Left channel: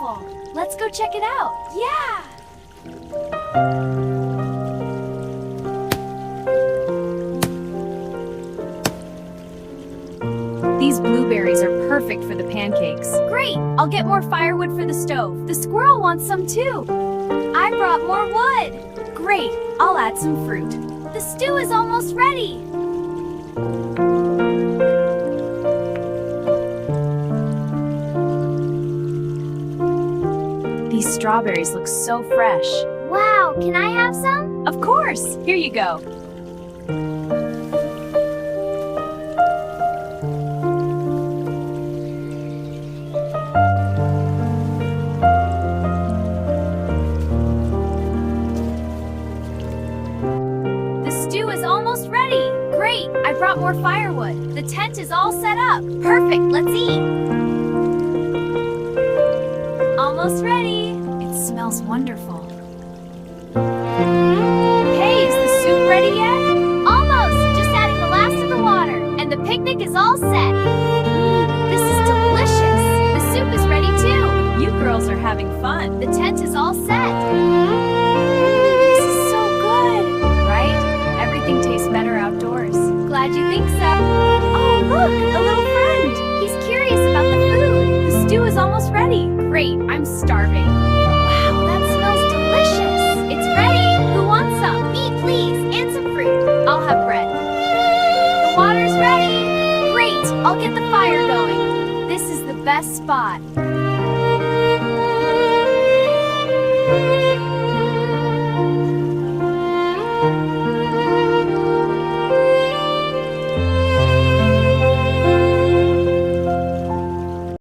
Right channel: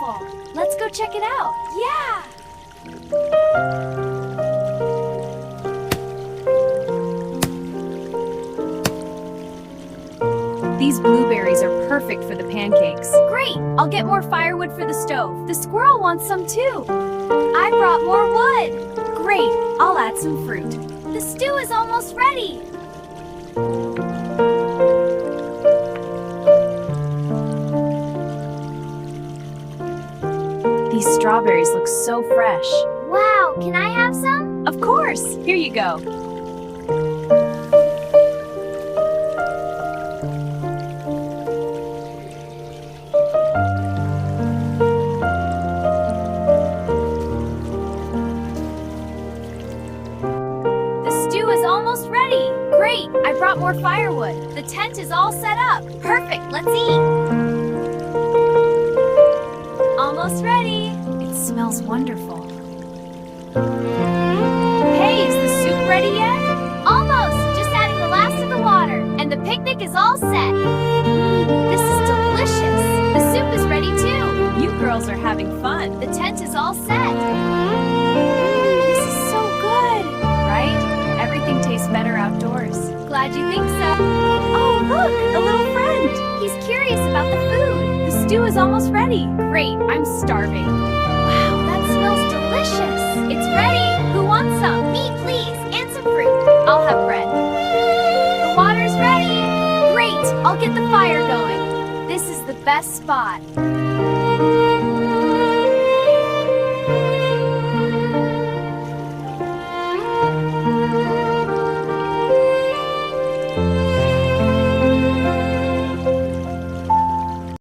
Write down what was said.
waterfall. Let's go check it out. Yeah! These blueberries are perfect for the pancakes. Great! I'll get more firewood for the stove. The squirrel wants some too. I brought more wood. Great! I'll add some fruit. The stew is almost ready. These strawberries look so fresh. Wow, can I have some? Of course! Here you go. The stew is almost ready. Great! I brought more firewood. The tent is all set up. Perfect! Let's eat. Almost ready. It smells wonderful. Hey, is the soup ready yet? Almost! Just adding the last of the water. And the picnic is all set. This is delicious. The soup is ready too. You girls are having fun. The tent is all set. This is so good, right? Everything tastes better outdoors. Glad you think so. Oh, look, a little friend. He's curious about the food. The stew is almost ready. Great, I'm starving. Wow, that smells delicious. It's ready. Who wants some? Me, please, and some fruit. I'll have bread. The water's ready. Great, I'll get the fire going. This is the best spot.